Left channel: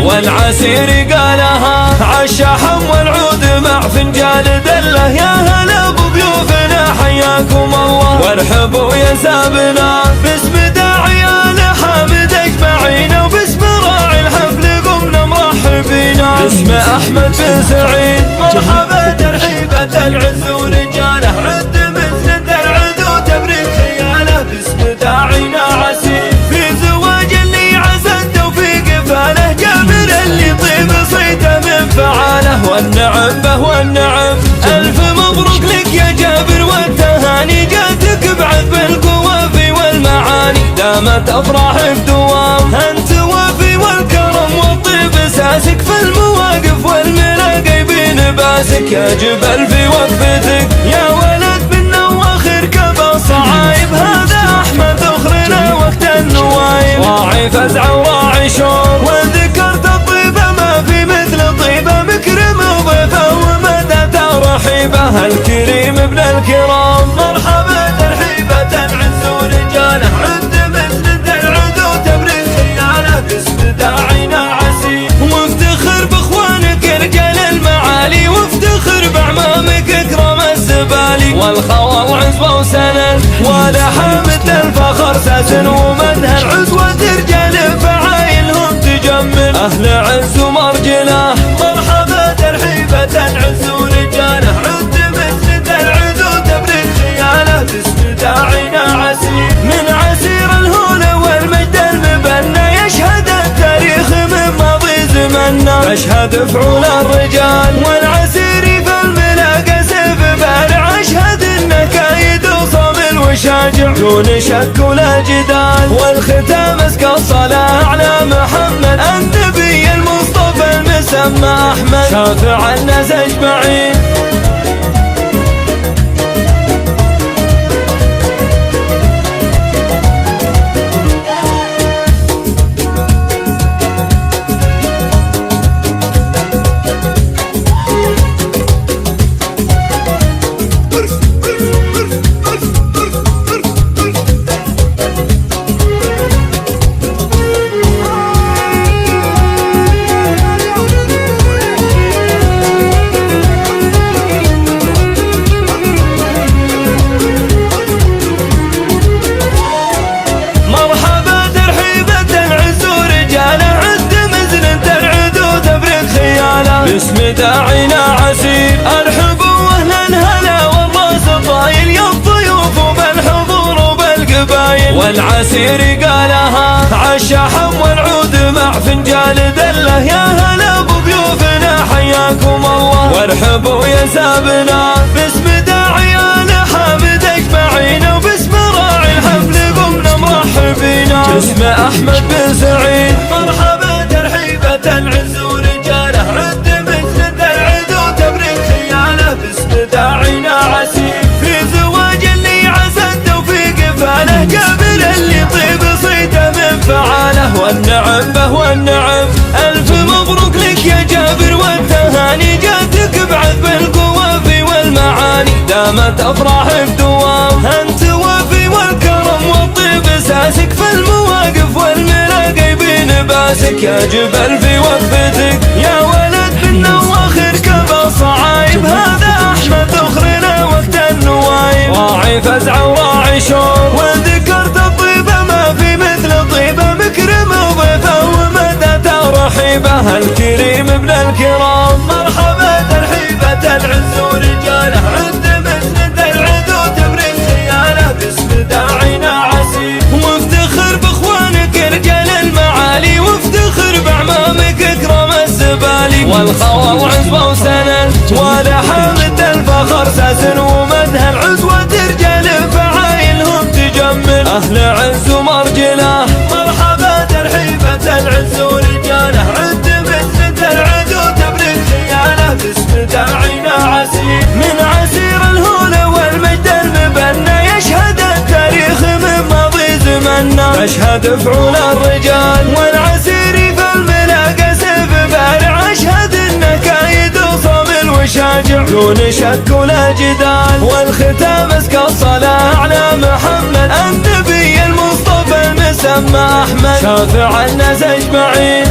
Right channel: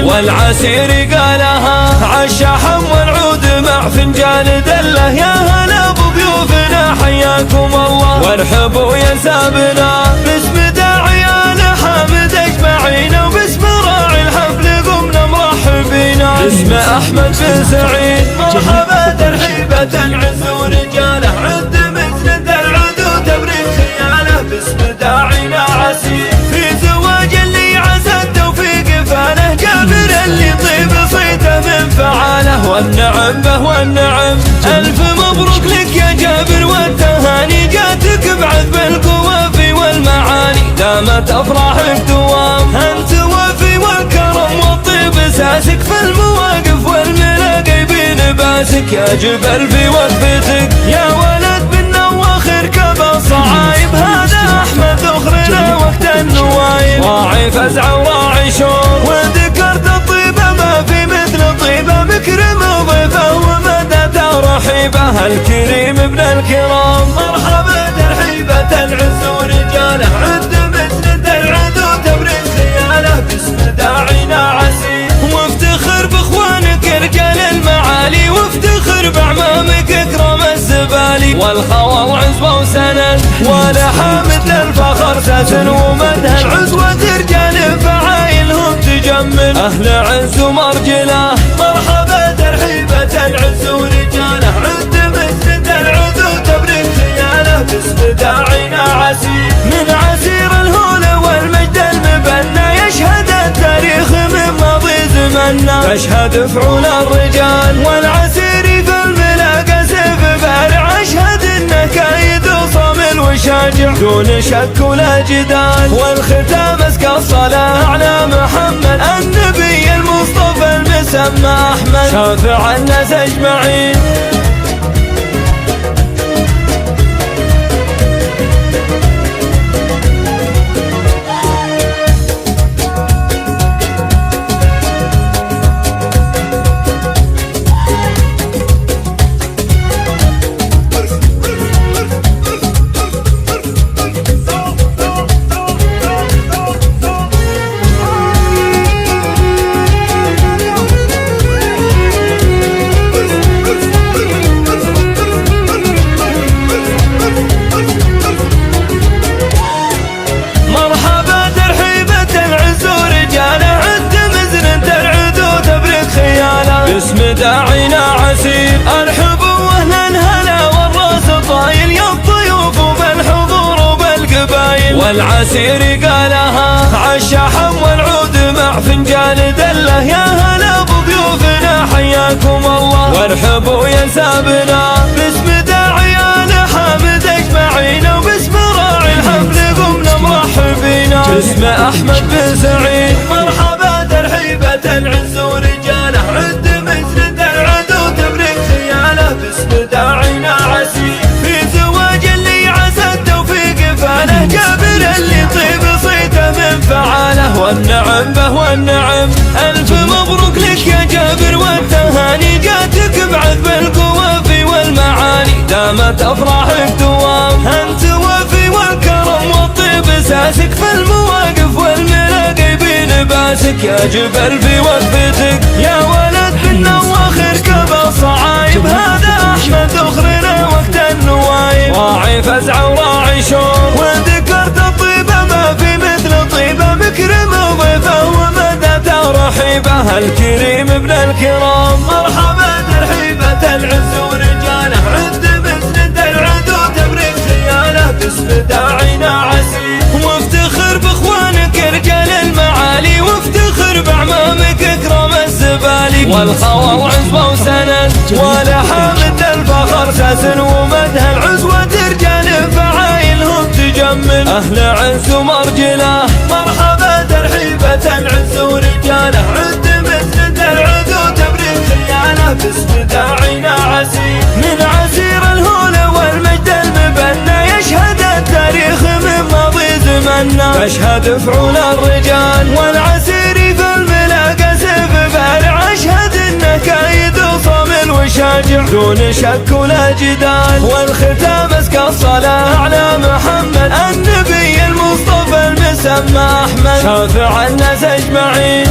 مطمئن، والعسير قالها عالشحم والعود مع فنجان دله. يا هلا بضيوفنا حياكم الله، وارحبوا يا سابنا باسم داعيان حامد اجمعين، وباسم راعي الحفل قمنا مرحبين. باسم احمد بن سعيد مرحبا ترحيبة العز ورجاله، عد مثل العدو تبرك خياله. باسم داعينا عسير في زواج اللي عسى التوفيق فاله، جابر اللي طيب صيته من فعاله. والنعم به والنعم الف مبروك لك يا جابر، والتهاني جاتك بعذب القوافي والمعاني. دامت افراحك دوام انت وافي، والكرم والطيب اساسك في المواقف والملاقي بين باسك. يا جبل في وقفتك يا ولد منا واخر كبا صعايب، هذا احمد اخرنا وقت النوايب. راعي فزع وراعي شور، وذكرت الطيبه ما في مثل طيبه، مكرم وضيفه ومدى ترحيبه. الكريم ابن الكرام مرحبا ترحيبة العز ورجاله، عد مثل العدو تبرك خياله. باسم داعينا عسير وافتخر باخوانك رجال المعالي، وافتخر باعمامك اكرم الزبالي. والخوى وعزوه وسند ولحامة الفخر ساسن، ومدها العزوة رجال فعايلهم تجمل. اهل عز ومرجله مرحبا ترحيبة العز ورجاله، عد مثل العدو تبرك خياله. باسم داعينا عسير من عسير الهول والمجد المبنى، يشهد التاريخ من ماضي زمنا. اشهد فعول الرجال والعسير في الملاقى سيف بارع، اشهد انك ايد صامل وشاجع دون شك ولا جدال. والختام اسكى الصلاه على محمد النبي المصطفى المسمى احمد، شافع الناس اجمعين. باسم داعينا عسير ارحبوا اهل الهلا والراس طايل، يا الضيوف وبالحضور وبالقبايل. والعسير قالها عالشحم والعود مع فنجان دله. يا هلا بضيوفنا حياكم الله، وارحبوا يا سابنا باسم داعيان حامد اجمعين، وباسم راعي الحفل قمنا مرحبين. باسم احمد بن سعيد مرحبا ترحيبة العز ورجاله، عد مثل العدو تبرك خياله. باسم داعينا عسير في زواج اللي عسى التوفيق فاله، جابر اللي طيب صيته من فعاله. والنعم به والنعم الف مبروك لك يا جابر، والتهاني جاتك بعذب القوافي والمعاني. دامت افراحك دوام انت وافي، والكرم والطيب اساسك في المواقف والملاقي بين باسك. يا جبل في وقفتك يا ولد منا واخر كبا صعايب، هذا احمد اخرنا وقت النوايب. راعي فزع وراعي شور، وذكرت الطيبه ما في مثل طيبه، مكرم وضيفه ومدى ترحيبه. الكريم ابن الكرام مرحبا ترحيبة العز ورجاله، عد مثل العدو تبرك خياله. باسم داعينا عسير وافتخر باخوانك رجال المعالي، وافتخر باعمامك اكرم الزبالي. والخوى وعزوه وسند ولحامة الفخر ساسن، ومدها العزوة رجال فعايلهم تجمل. اهل عز ومرجله مرحبا ترحيبة العز ورجاله، عد مثل العدو تبرك خياله. باسم داعينا عسير من عسير الهول والمجد المبنى، يشهد التاريخ من ماضي زمنا. اشهد فعول الرجال والعسير في الملاقى سيف بارع، اشهد انك ايد صامل وشاجع دون شك ولا جدال. والختام اسكى الصلاه على محمد النبي المصطفى المسمى احمد، شافع الناس اجمعين.